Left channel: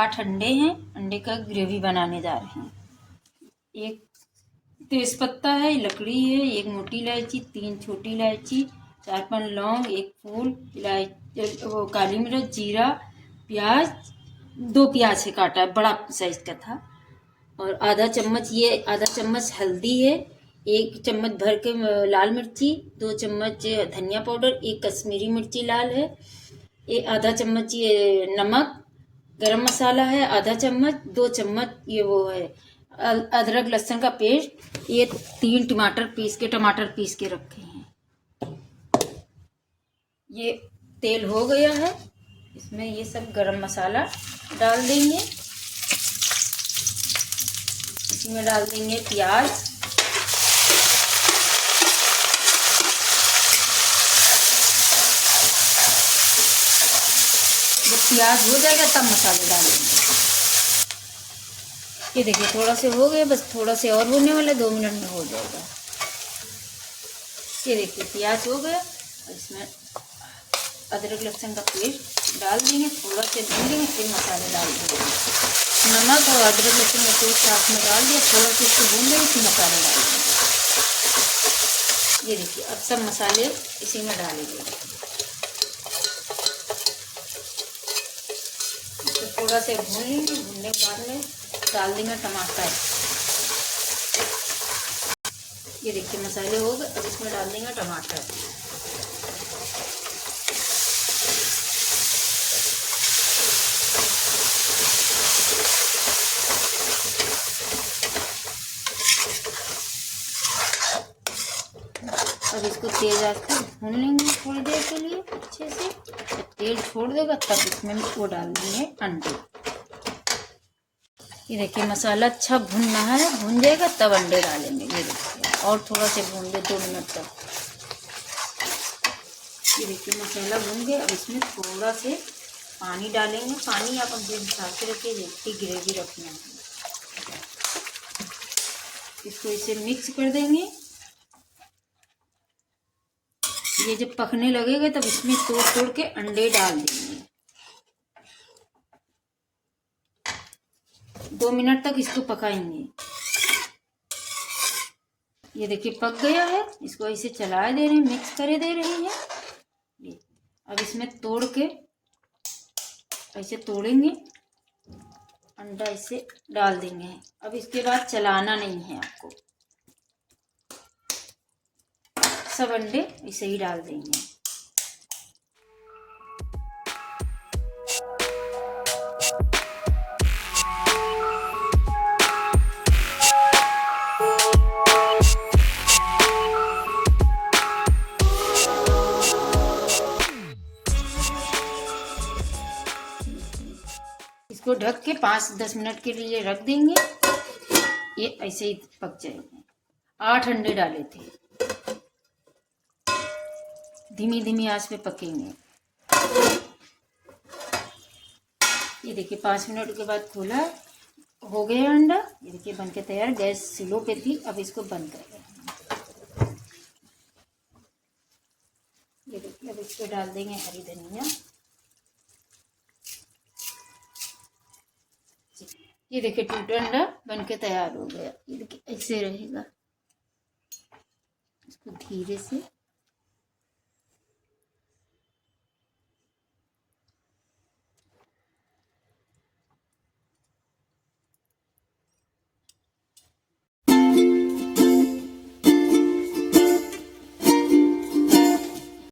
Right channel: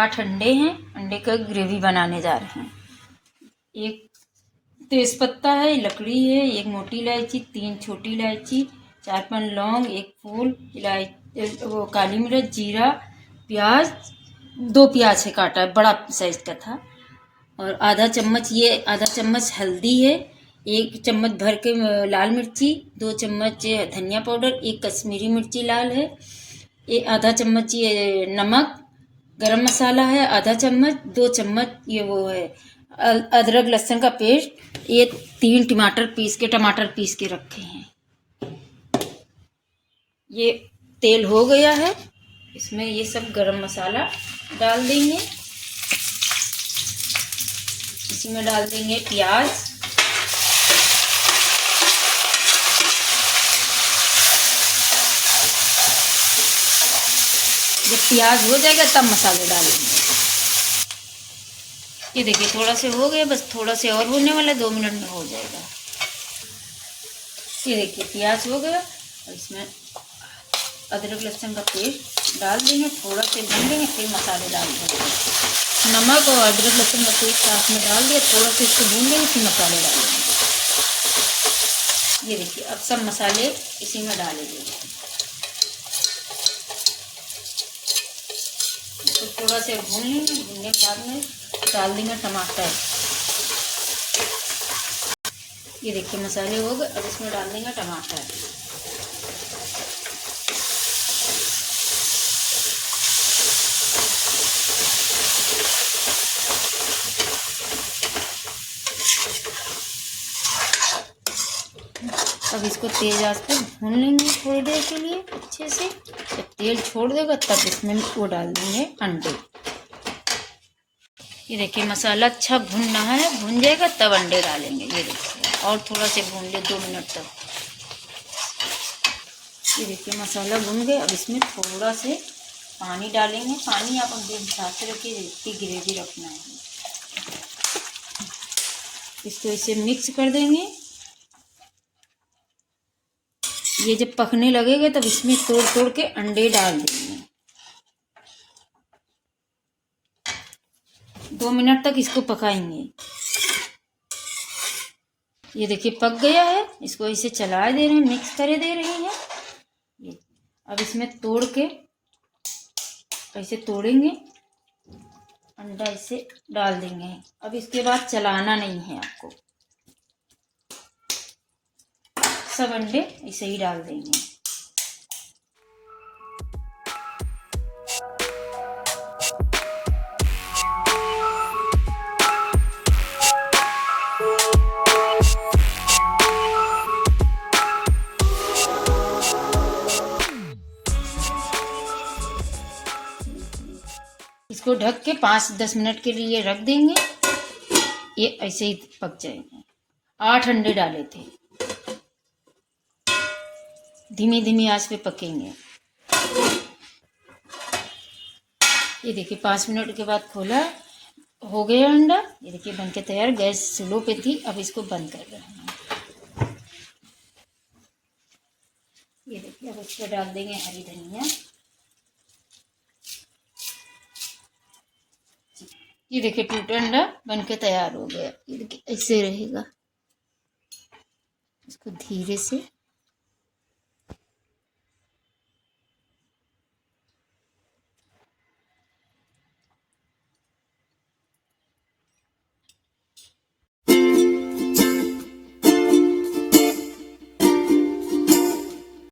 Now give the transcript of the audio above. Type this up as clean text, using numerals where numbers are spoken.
8 अंडे हैं। अंडे का ग्रेवी बनाने जा रहे हैं। एक तेज़पत्ता है, लकड़ी है, एक मोटी इलायची, 3 छोटी इलायची, 4-5 लौंग, एक फूल, वो काली मिर्च, जीरा, प्याज, 2 प्याज है काटा, बड़ा साइज का था, और आधा चम्मच हल्दी है, 1 चम्मच भर के लाल मिर्ची, 2 चम्मच धनिया पाउडर, 1 कश्मीरी मिर्ची लाल है, आधा चम्मच ये नमक, गरम मसाला है आधा चम्मच, 2 चम्मच ये वो है अदरक लहसुन का पेस्ट, ये 3 टमाटर पीस के रखे हैं। ये तेल हो गया है, इसमें ये सब गरम मसाला डाल देंगे। इसी में डाल देंगे प्याज, जब प्याज हो जाएगा तब मसाले डालेंगे। ये देखिए थोड़ा से हो गया, बस थोड़ा से और होने वाला, 2 मिनट में हो जाएगा। ये देखिए प्याज हो गया, और इसमें अदरक लहसुन का पेस्ट डाल देंगे, थोड़ा से भून देंगे, फिर मसाले डाल देंगे। नमक और अदरक लहसुन का पेस्ट साथ में डाल दिया, थोड़ा सा इसको भून देंगे, फिर मसाले डाल देंगे। ये देखिए अब सब मसाले इसी में डालेंगे। तो थोड़ा से भून लेंगे, भूनने के बाद में डाल देंगे टमाटर। ये देखिए मसाले हो गए, अब इसमें डाल देंगे टमाटर। अब इसको तेज आंच पर भून लेंगे थोड़ी देर के लिए अच्छे से। जब तेल छोड़ देगा तब इसमें वो डाल देंगे अंडे। ये देखिए मसाला अच्छा भुनना है, भुन जाएगा तब अंडे डालेंगे। ये देखिए और थोड़ा से भून ले 2 मिनट तक। ये देखिए मसाला भुन गया, अब इसमें थोड़ा से पानी डालेंगे। पानी आप अपने हिसाब से रखिए, जितनी ग्रेवी रखना है। इसको इसे मिक्स कर देंगे। ये जब पकने लगेगा तब इसमें तोड़ तोड़ के अंडे डाल देंगे। 2 मिनट तक इसको पकाएंगे। ये देखिए पक गया है, इसको ऐसे चला दे रहे हैं, मिक्स करे दे रहे हैं। अब इसमें तोड़ के ऐसे तोड़ेंगे, अंडा इसे डाल देंगे। अब इसके बाद चलाना नहीं है आपको, सब अंडे ऐसे ही डाल देंगे। इसको ढक के 5-10 मिनट के लिए रख देंगे। ये ऐसे ही पक जाएंगे। 8 अंडे डाले थे, धीमी धीमी आंच पे पकेंगे। ये देखिए 5 मिनट के बाद खोला, हो गया अंडा। ये देखिए बनके तैयार। गैस स्लो पे थी, अब इसको बंद कर रहे हैं। ये देखिए अब इस पर डाल देंगे हरी धनिया। ये देखिए टूटा अंडा बनके तैयार हो गया। ये देखिए ऐसे रहेगा। इसको धीरे से